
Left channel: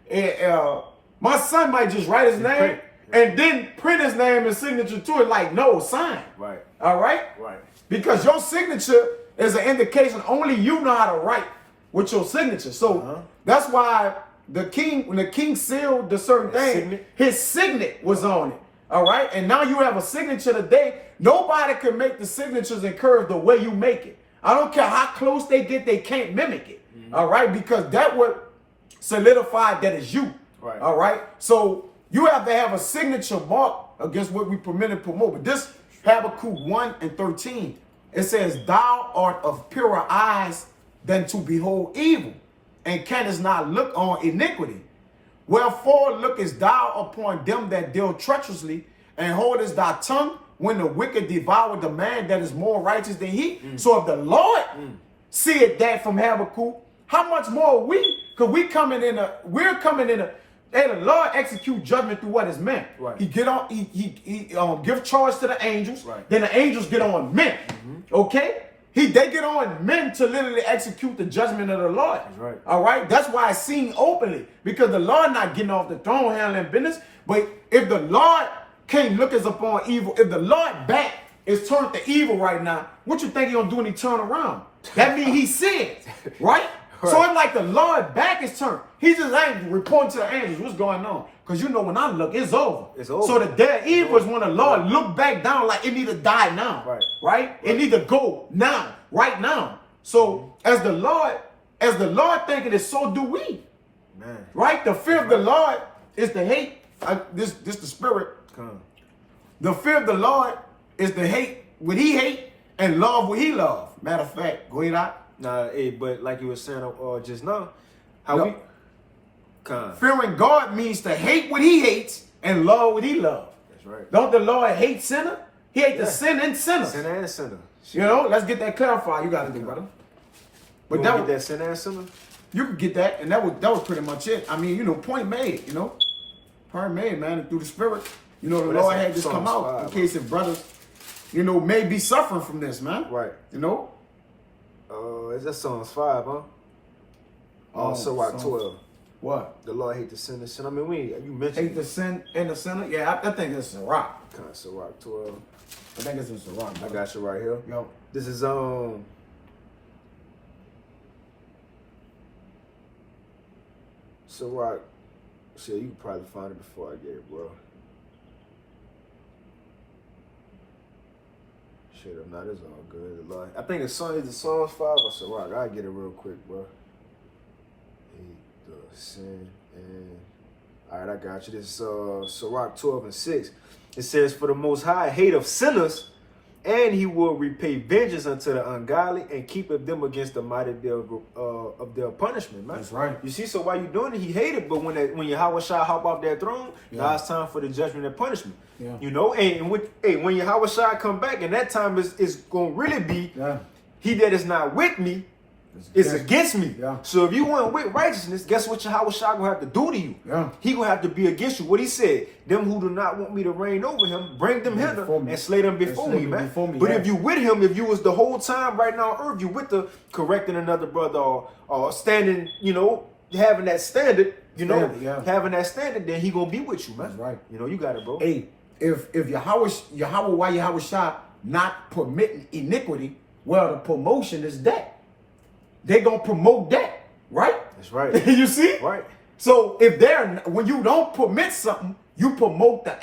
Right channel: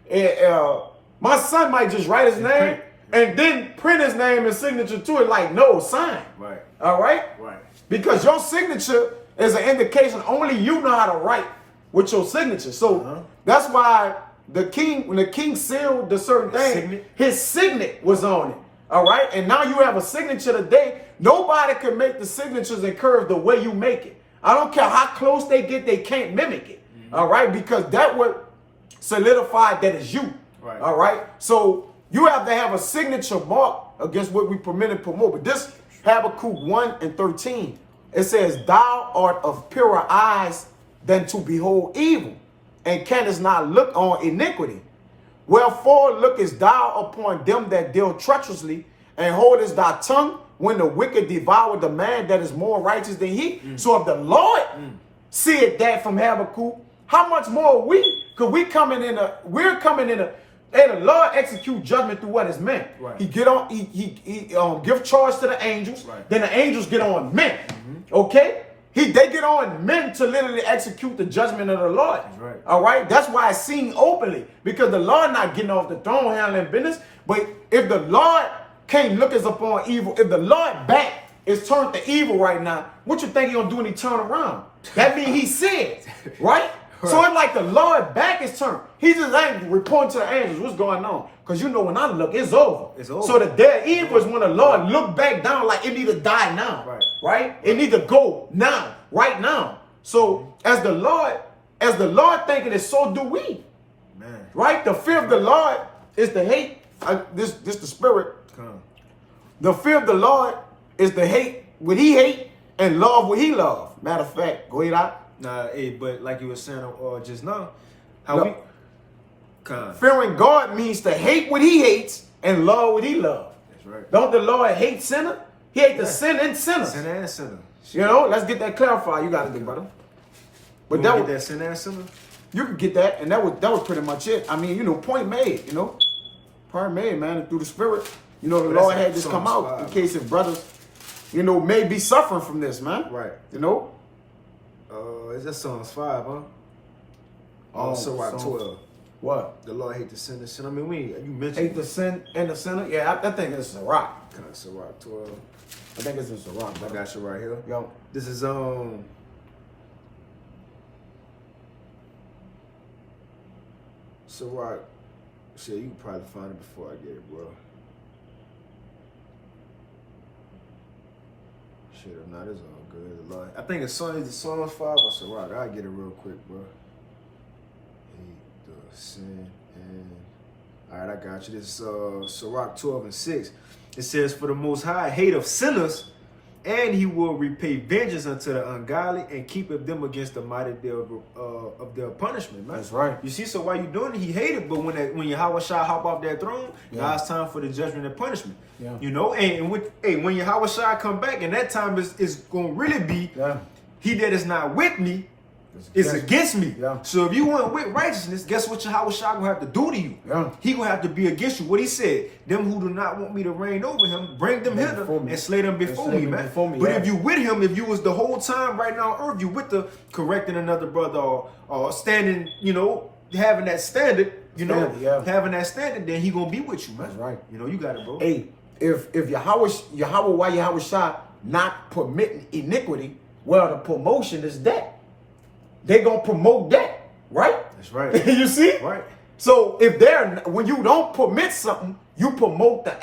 And, my son might just write his name and then print his name and signature to it. Like, no, sign. Right. All right? Right. Because your signature is an indication only you know how to write with your signature. So that's why when the king sealed the certain thing, his signet was on it. All right? And now you have a signature today. Nobody can make the signatures and curves the way you make it. I don't care how close they get, they can't mimic it. All right? Because that would solidify that it's you. Right. All right. So you have to have a signature mark against what we permit and promote. But this Habakkuk 1:13, it says, "Thou art of purer eyes than to behold evil, and canst not look on iniquity. Wherefore lookest thou upon them that deal treacherously, and holdest thy tongue when the wicked devour the man that is more righteous than he." So if the Lord said that from Habakkuk, how much more we? Because we're coming in and the Lord execute judgment through what is meant. Right. He get on. He give charge to the angels. Right. Then the angels get on men. Okay. They get on men to literally execute the judgment of the Lord. That's right. All right. That's why it's seen openly, because the Lord not getting off the throne handling business. But if the Lord can't look us upon evil, if the Lord back is turned to evil right now, what you think he gonna do when he turn around? That means he said, right? So it's like the Lord back is turned. He just ain't reporting to the angels what's going on. Because you know when I look, it's over. It's over. So the dead evil is when the Lord look back down like it need to die now. Right? It need to go now. Right now. So as the Lord thinking it, so do we. Man. Right? The fear of the Lord is the hate. This the spirit. The fear of the Lord is the hate what he hate and love what he love. Matter of fact, go ahead out. Nah, but like you were saying just now, fearing God means to hate what he hates and love what he loves. That's right. Don't the Lord hate sinner? He hate the sin and sinners. Sinner and sinner. You know, let's get that clarified. You got to do, brother. But get that sinner and sinner? You could get that, and that was pretty much it. I mean, you know, point made, you know. Point made, man, and through the spirit. You know, the Lord had this come out in case if brothers, you know, may be suffering from this, man. Right. You know? Is that Psalms 5, huh? Sirach 12. What? The Lord hate the sinner. I mean, you mentioned hate the sin and the sinner. Yeah, I think it's Sirach. Kind of Sirach 12. I think it's in Sirach. I got you right here. Yo, this is Sirach. Shit, you can probably find it before I get it, bro. Shit, if not, it's all good. I think it's Psalms 5 or Sirach. I'll get it real quick, bro. Hate the sin and... All right, I got you. This is Sirach 12:6. It says, "For the Most High hate of sinners, and he will repay vengeance unto the ungodly, and keepeth them against the mighty day of their punishment." Man. That's right. You see, so while you doing it, he hated. But when Yahweh Shai hop off that throne, now it's time for the judgment and punishment. Yeah. You know, and when Yahweh Shai come back, and that time is gonna really be, he that is not with me It's against me. Yeah. So if you want with righteousness, guess what Yahweh Shah gonna have to do to you? Yeah. He gonna have to be against you. What he said, them who do not want me to reign over him, bring them hither before me. and slay them before slay me, them man. before me, But yeah. if you with him, if you was the whole time right now on earth, you with the correcting another brother or standing, you know, having that standard, you know, Standard, yeah. having that standard, then he gonna be with you, man. That's right. You know, you got it, bro. Hey, if Yahweh Shah not permitting iniquity, well, the promotion is that. They gonna promote that, right? That's right. You see? Right. So when you don't permit something, you promote the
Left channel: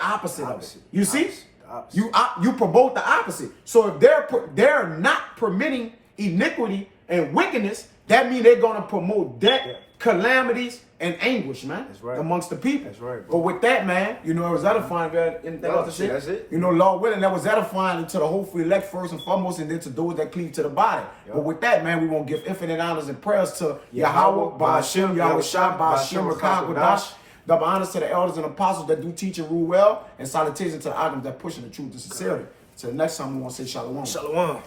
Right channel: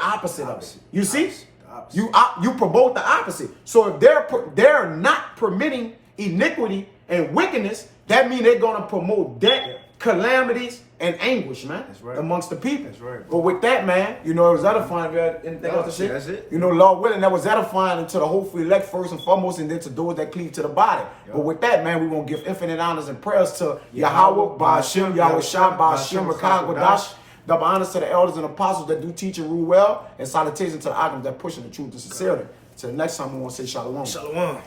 opposite of it. You see? The opposite. You promote the opposite. So if they're not permitting iniquity and wickedness, that means they're gonna promote death, calamities, and anguish, man. That's right. Amongst the people. That's right, But bro. with that, man, you know, it was edifying. If you had anything else to say? That's it. You know, Lord willing, that was edifying into the hopeful elect first and foremost, and then to those that cleave to the body. Yep. But with that, man, we want to give infinite honors and prayers to Yahweh, Ba'ashem, Yahweh Shah, Ba'ashem, Rakah, Kodash. Double honors to the elders and apostles that do teach and rule well, and salutations to the items that pushing the truth and sincerity. Till next time, we want to say shalom. Shalom.